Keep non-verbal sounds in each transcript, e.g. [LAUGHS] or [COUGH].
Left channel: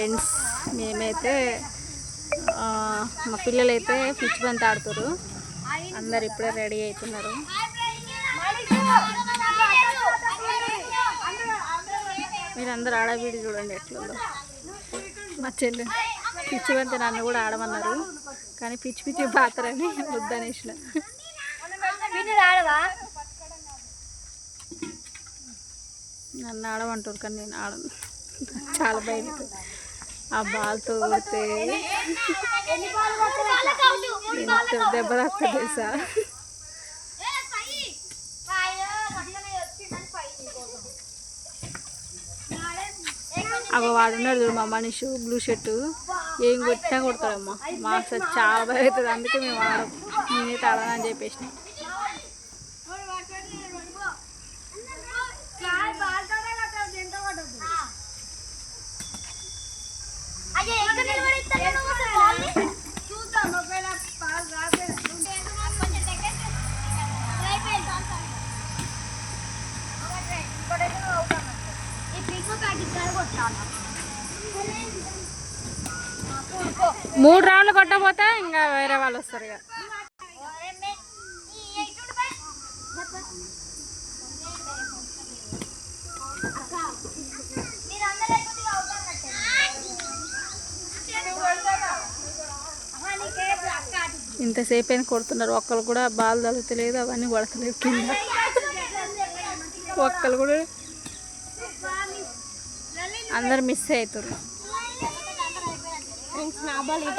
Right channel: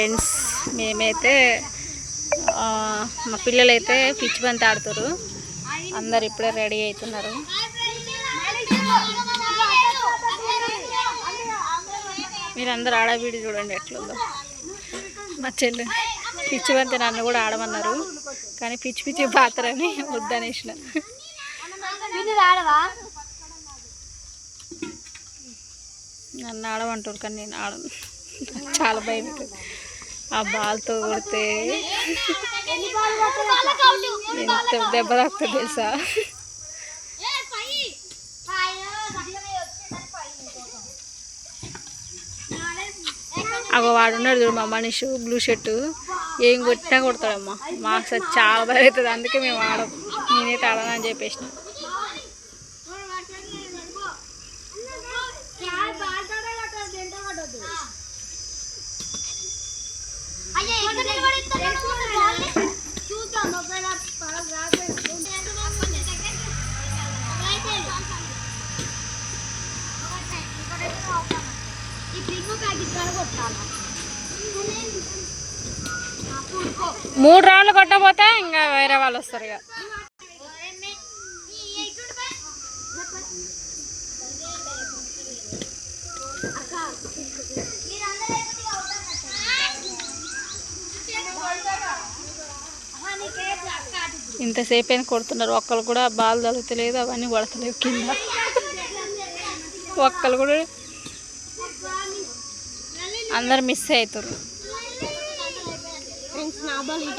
Friends మేమైతే మా పిల్లలైతే పిచ్చి బంతి ఆడుతారు అందరు ఇప్పుడే రెడీ అవుతున్నారు మీరందరూ ఆడబీడి చూడండి ఎట్లుందో. మా చెల్లి పిచ్చి బంతి నన్ను కూడా ఆడమన్నారు. కానీ పిచ్చి పిచ్చి పాత్రని వద్దనేసిన. నన్ను ఆడమంటారు కానీ నేను ఆడను. చాలా భయం అవుతుంది. ఆ బాల్తో కొడితే ఎంత దెబ్బ తాకుతుంది తెలుసా? అగో వాడు ఉన్నాడు చూడు మా మనిషి బ్లూ షర్టు. ఏం కొట్టినా కొడతాడమ్మా. మాకు చాలా భయం అవుతుంది అందుకే మేము ఆడం నేనైతే ఆడనని చెప్పేసినా. మూడు రౌండ్లు కొట్టకపోతే ఇంకా వేరే వాళ్ళు వస్తారు ఇక. ఇంతసేపు అయినా కొడుతున్నారు? ఒక్కరు కూడా బాల్ తగులుతలేదు అవన్నీ కొడతలేవు కింద. ఒక్కరు కూడా అందరు మిస్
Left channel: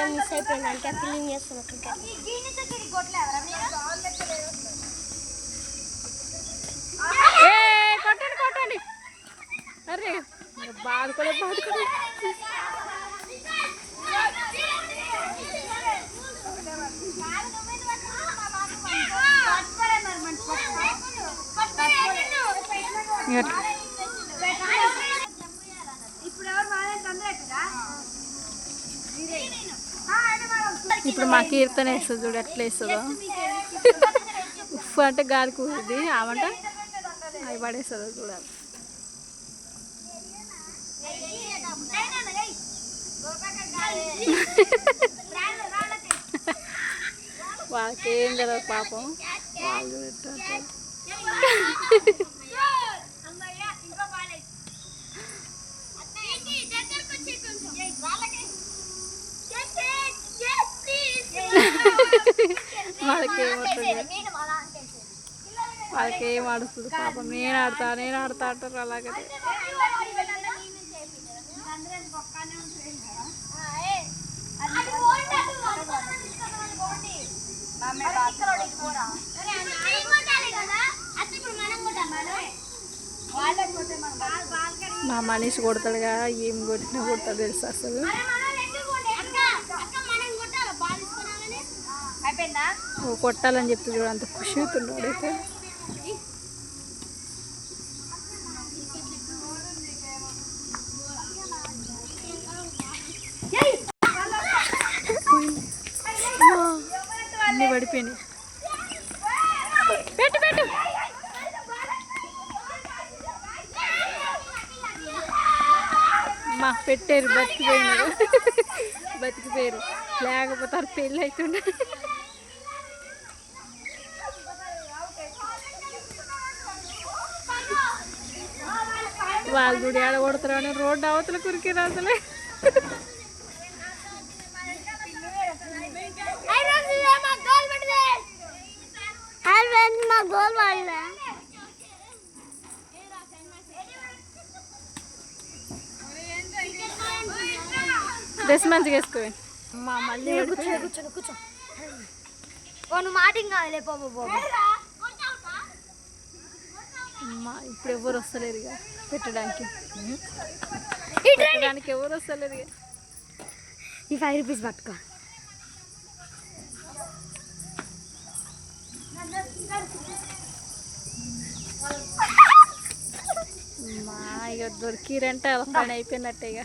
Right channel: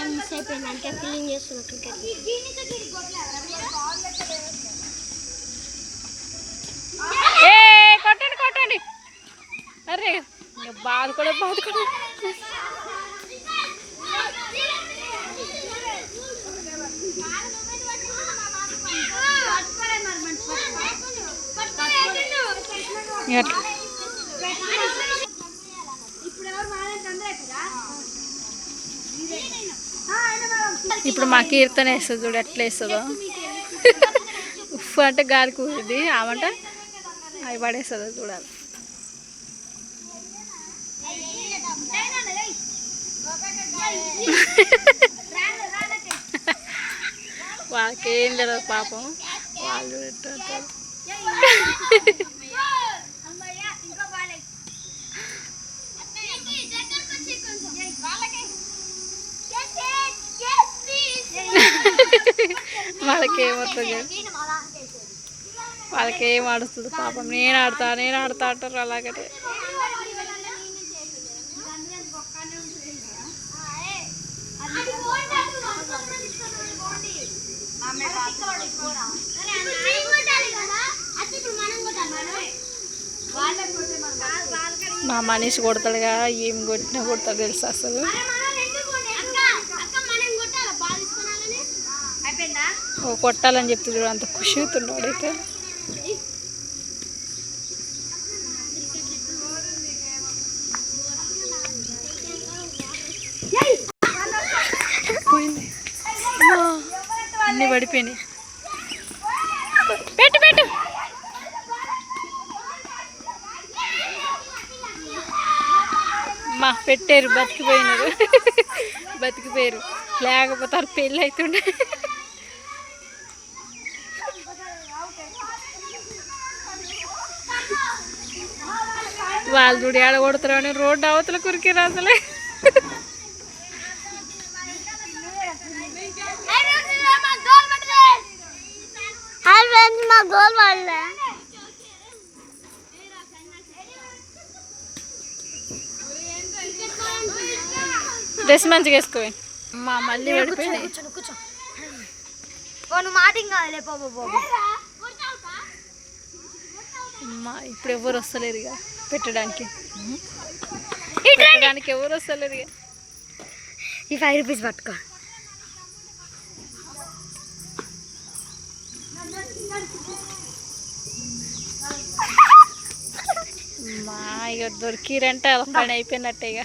అవుతారు మిస్ అయిపోయిందంటే ఫీలింగ్ చేస్తున్నట్టు ఏ కొట్టండి కొట్టండి. అరే కూడా బాధ కూడా ఇక అట్లా. ఇప్పుడు మా కీర్తన వేస్తుంది చూడు ఎట్లా వేస్తుందో. ఉఫ్ అంటే గాలి కూరింది ఆమంట అవి పడేస్తుందో చూడాలి. వాళ్ళకేం తెలియదు పాపం. వాళ్ళు ఎట్లా వాళ్ళకేమవుతుంది వాళ్ళకేం ఆడుస్తుంది పాపం. నేను ఆడతా నేను ఆడతా అంటారు అలాగే మా మనిషి కొడతాడుగా ఏం కొట్టినా కొడతాడు తెలుసు అసలు? కొట్టాలని చెప్తే చూడు అంత ఖుషి అవుతున్నాడు అయితే. అన్నీ పడిపోయినాయి. పెట్టు పెట్టు. మా పెట్టారు బతికిపోయినారు. బతికిపోయారు. లేకపోతే పెళ్ళి అవుతుండే. వాళ్ళు చూడు ఏడ కొడతారు అని రోడ్డు అవతల కురికిరు అసలే హాయ్ ఫ్రెండ్స్ మా గోల్ వాళ్ళ. డ్రెస్ మంచిగా వేసుకోవాలి మా మళ్ళీ. కూర్చో కూర్చో నువ్వు మాట బాబు అమ్మా ఇప్పుడు ఎవరు వస్తలేరు ఇక. పెట్టడానికి. పెట్టడానికి ఎవరు వస్తలేరు ఈ ఫైవ్ రూపీస్ పట్టుకో. మా ఇక దొరికిరంటే అలా పని అయిపోయినట్టే ఇక.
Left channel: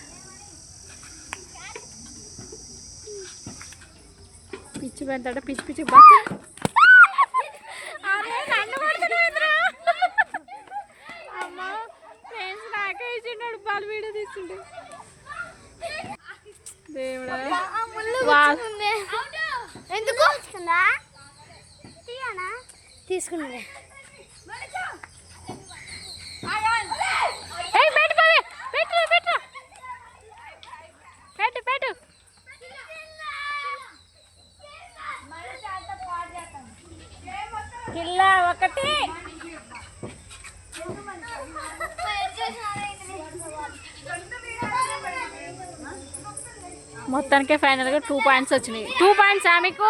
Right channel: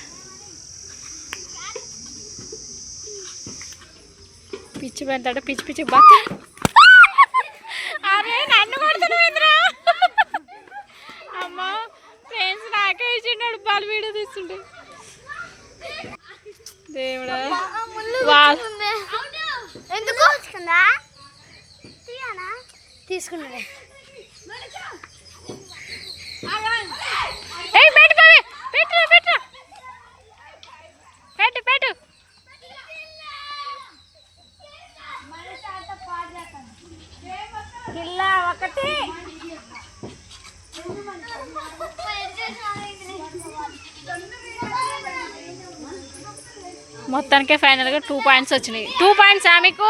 పిచ్చి పెంతాడు పిచ్చి పిచ్చి బట్ట అరే నన్ను కొడుతున్నాడు తీస్తుండే దేవుడా. ఎందుకు? పిల్ల ఒకటి. మొత్తానికే ఫైనల్గా టూ పాయింట్స్ వచ్చినాయి. టూ పాయింట్స్ మీకు?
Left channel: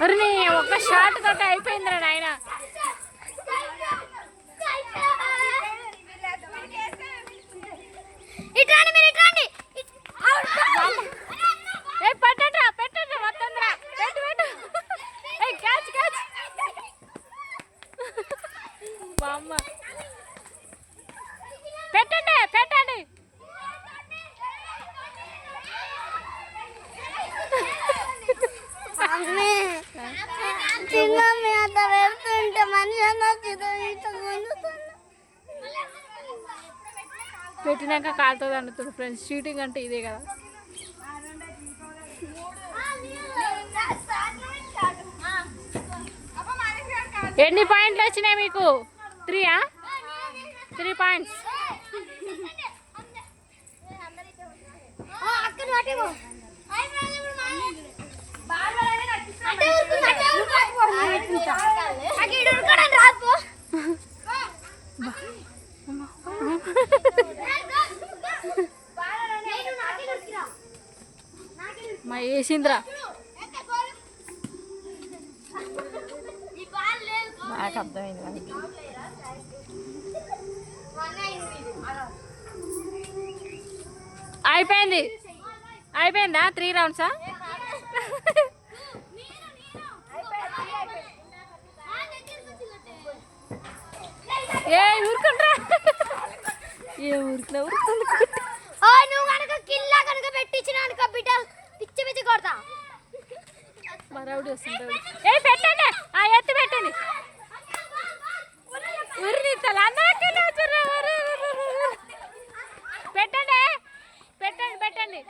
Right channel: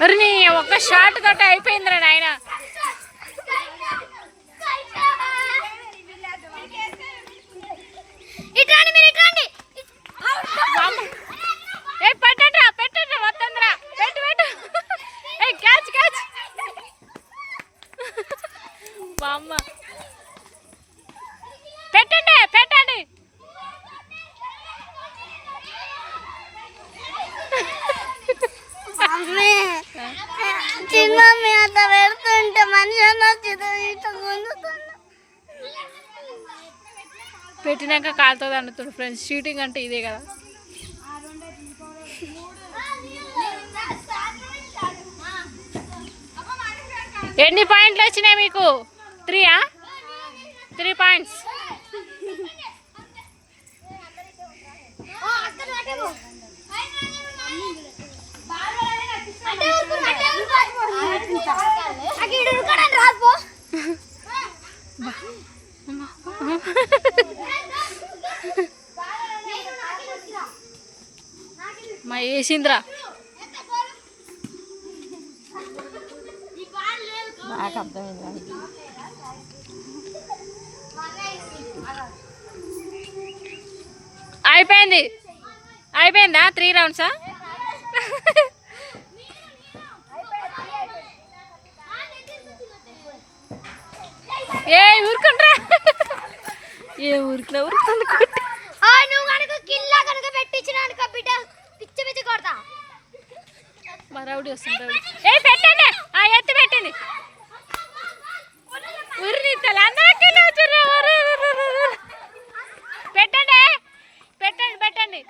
మరి నీ ఒక్క షార్ట్ తోటి అయిపోయిందిరా నాయనా ఇట్రాండి మీరు ఇట్రాండి ఏ పెట్టండిరా పెట్టండి మొత్తందిరా పెట్టు పెట్టు ఏ క్యాచ్ క్యాచ్ బామ్మ పెట్టండి పెట్టండి మమ్మీ చిన్న మీ అంత పెడుతుంటే మనిషి అన్న ఇట్లా గుంజుతుంది పెట్టినాక కాలుతుంది అనుతుంది ఫ్రెండ్స్. షూటింగ్ అంటే ఇదే కదా. ఎన్ని పాయింట్లు వచ్చినాయి మీకు? త్రీయా త్రీ పాయింట్స్ మా వేసింద్రా నాకు అర్థమైంది అయిపోయింది. అయిపోయిందా? త్రీ రౌండ్సా? ఏ ఊరుకుంట్రా. ఏ ఊరికినా ఊరుకుంది కొట్టి. నువ్వు కనుక కిల్లా కనుక పెట్టించిన అనుకో బిడ్డ పిచ్చి పిచ్చి కొడతా. వస్తుంది ఏ పెట్టండి ఉరి తల అందరికీ వచ్చారు ఉరి, ఉరి, ఉరి, ఉరి. పెట్టండి పెట్టండి పెట్టండి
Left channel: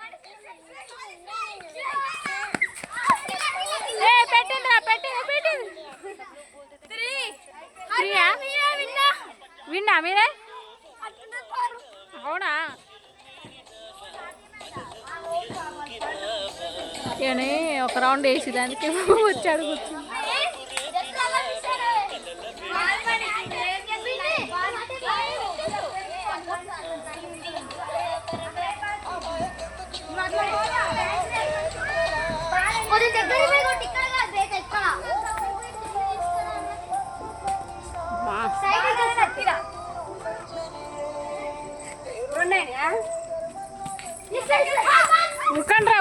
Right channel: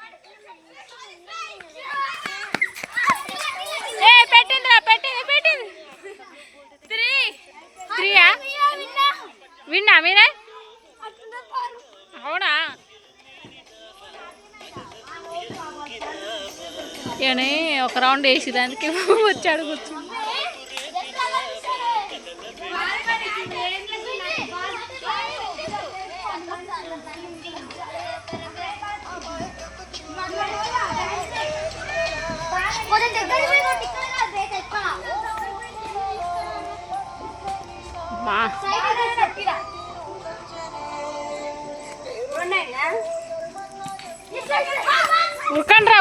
ఏ పెట్టిందిరా పెట్టింది పెట్టింది త్రీ త్రీయా విన్నా మీరే అవునా ఏమని ఒక రౌండ్ వేసి దానికి [LAUGHS] వచ్చాడు కూర్చుని. మా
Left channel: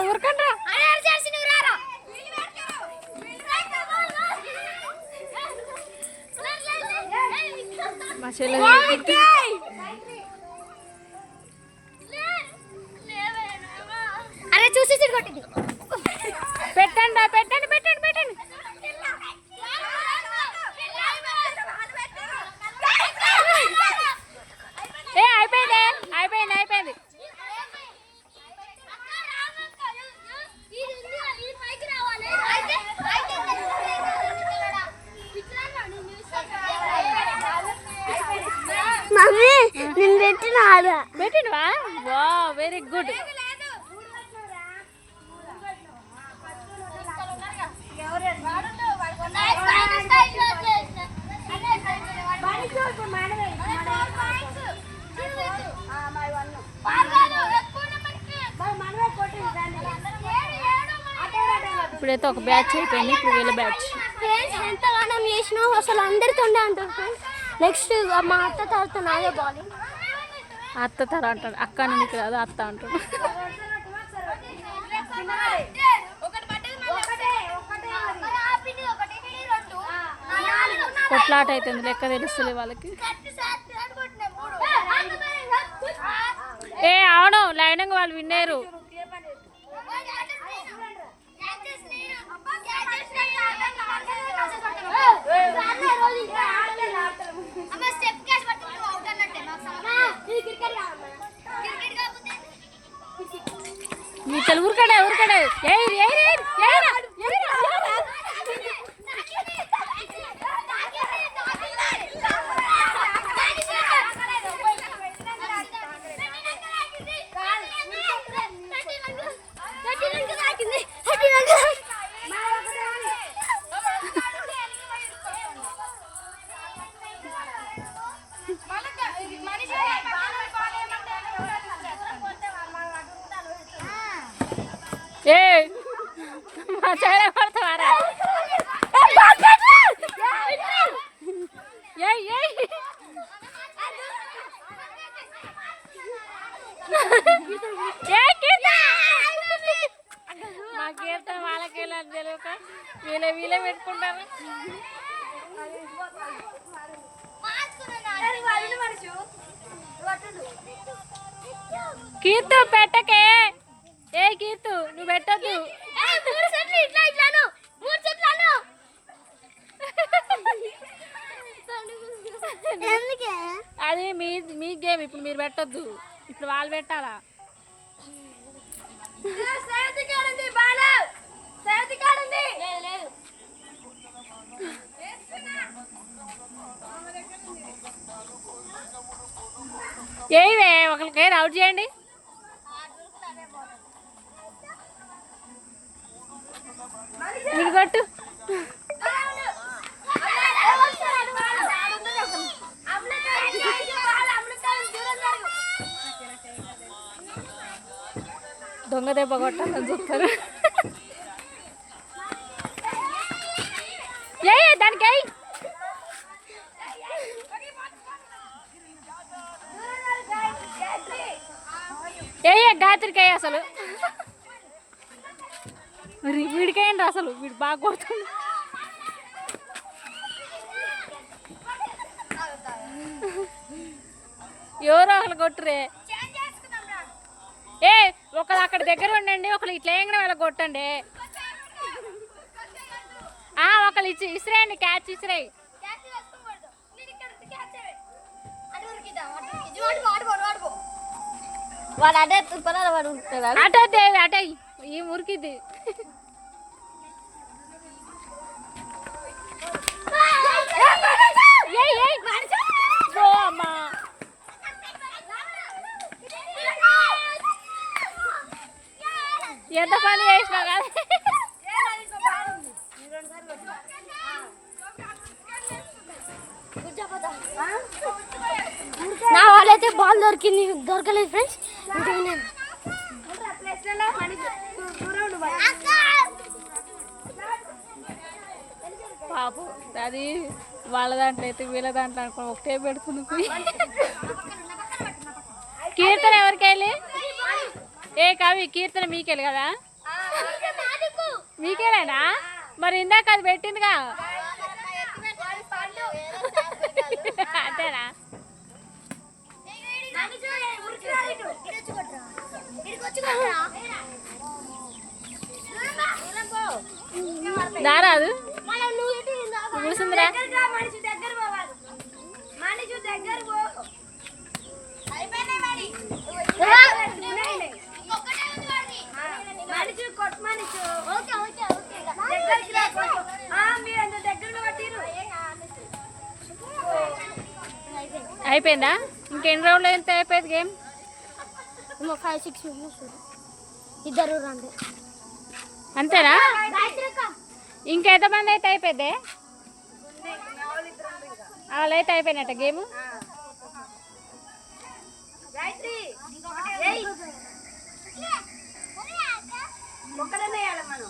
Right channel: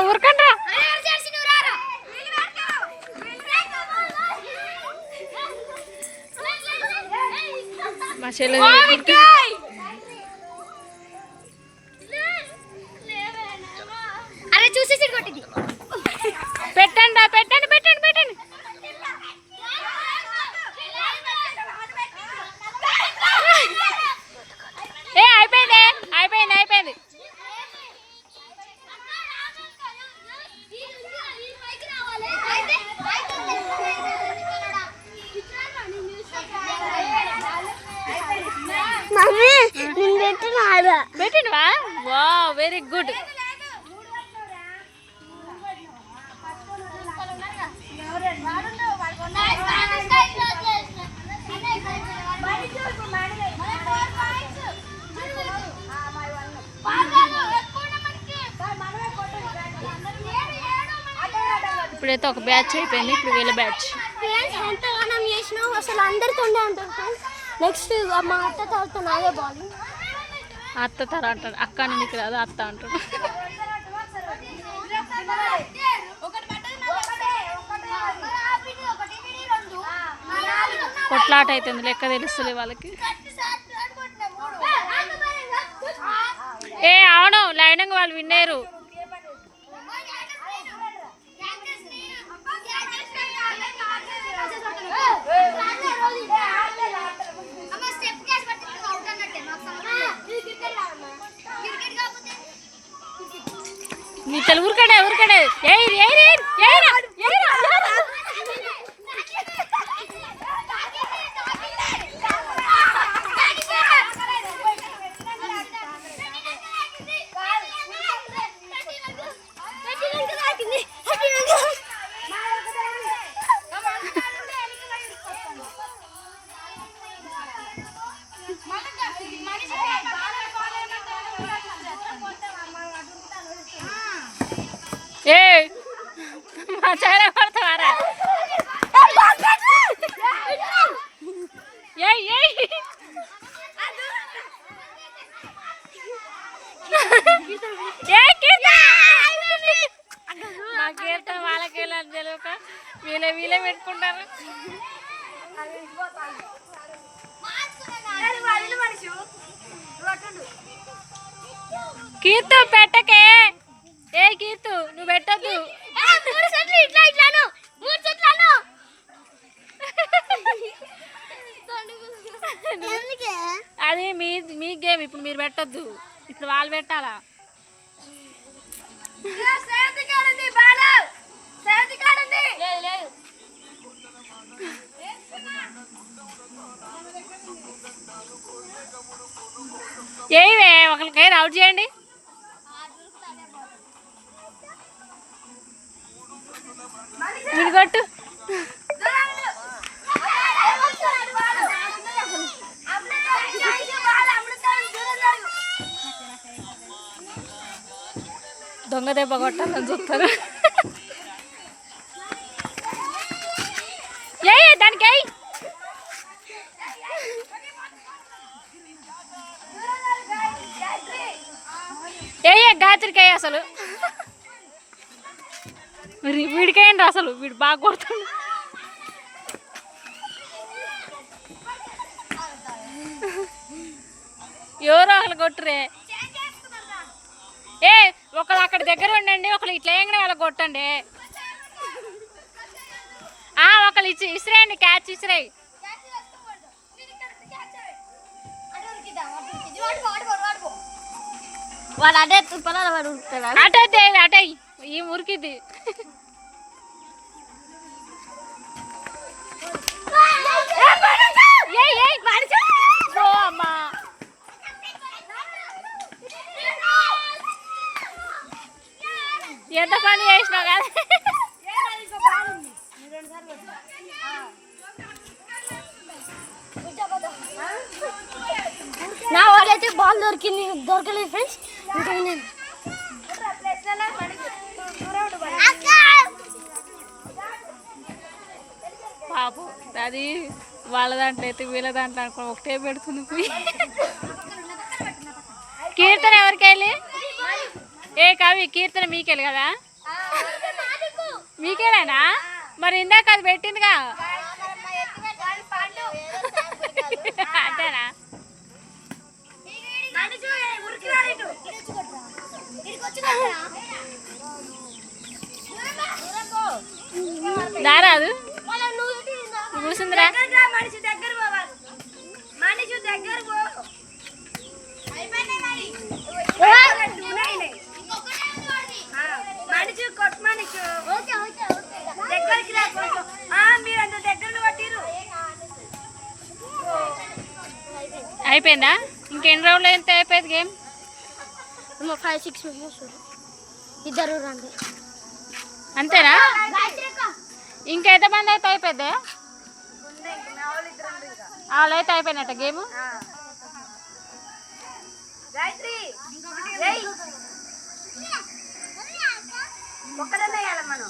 ఉరకండ్రా. ఉరకండ్రా మా చెల్లె అరే చూసేసి కొట్టింది పెట్టండి పెట్టండి పెట్టండి పెట్టండి ఏ అయిపోయింది అయిపోయింది అయిపోయింది మమ్మీ నేను పెట్టిన ఆడ పెట్టినవా వా వెరీ గుడ్. ఇప్పుడైతే ఒక బ్యాచ్ అయిపోయింది ఇప్పుడు వీళ్ళ బ్యాచ్. ఎంతగానం చేసినావు అసలు అందరితో ఉండే అంటారు నెక్స్ట్ మా అత్త తాత నాదే బాలింగ్ అత్త తర అంటాడు అక్క అని నీకు రాదు అత్త అంటాడు కొట్లాట అవుతుంది లెక్క తెలుస్తుంది వాళ్ళకి. ఏ అవును లైనంగా వాళ్ళు విన్నారు. ಚಲ್ ಉರ್ಕಡೆ ಉರ್ಕಡೆ ಏಯ್ ಏಯ್ ಏಯ್ ಏಯ್ರ కీర్తు పెట్టకే. ఏ కీర్తు నువ్వు పెట్టద్దు. మూడు సెట్లు ఇట్లా ఇట్లాను మూడు సెట్లను అది మీ మీ గేమ్ ఇప్పుడు మీరు పెట్టొద్దు. ఇప్పుడు వాళ్ళు పెట్టాలా? లేదు లేదు. ఏవే ఒకరికి అవుట్ చేయండి. మీరు దొంగ దెబ్బ కొట్టాలని చూస్తారు. ఏ దానికి ఏయ్. ఏ గాయత్రికాయ అసలు. మరి వీడికేయండి అసలు? వీడు బాగా కొడుతుంది ఎవరో ఒకరు కొట్టురే? ఏ ఒకళ్ళు అక్కడ దగ్గర ఉండండి ఒకళ్ళు ఇట్లా ఏంగనే వాళ్ళకి కొట్టండి. ఆ ఒకళ్ళు ఇచ్చి ఇసిరేయండి క్యాచ్ ఇసిరేయి. వాడు ఉంటాడు అటే అటే ఈ మురికిది ఎంత పని చేసినావు కదా నా వాళ్ళైతే బాల్ దొరికింది దొరకలేదు ఫ్రెండ్స్ ఇంకా నేను పాపం వాళ్ళ దాంట్లో అయితే వీళ్ళ దాంట్లో అనుకో ఒకటే పెడుతుంది పోయి. కీర్తన ఎవరికెళ్ళి ఏ కవి కీర్తన మీకెళ్ళి కదా? మీకేనా మరి ఇందాక అది పెట్టిందిగా. అంతేనా? దారాదు? కూర్చుందిరా మనిషి దగ్గర పోవాలి. మనిషి దగ్గర పో. మనిషి కొట్టు మనిషి దగ్గరికి రా కొంచెం. ఆ, మీరు అంత దగ్గర కొట్టిరు అయిపోయిందా? ఇంకెన్ని రోజులు ఎంత అయిపోయింది గేమ్ ఫైవ్ సిక్స్ మెంబర్స్ ఇద్దరు రండి అంతేనా? ఇంకా ఎంతమంది అయితే అయిపోయిందే వాళ్ళు అయిపోయినట్ట గేమ్? మనం.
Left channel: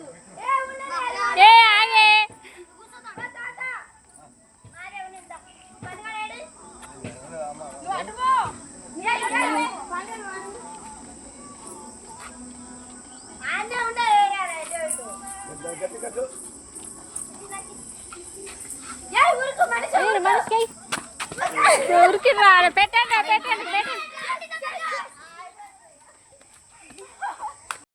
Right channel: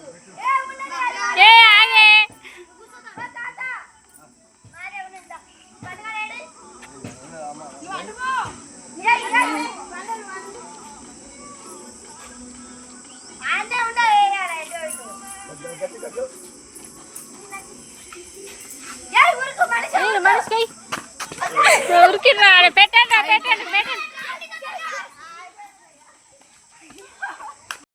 Yeah.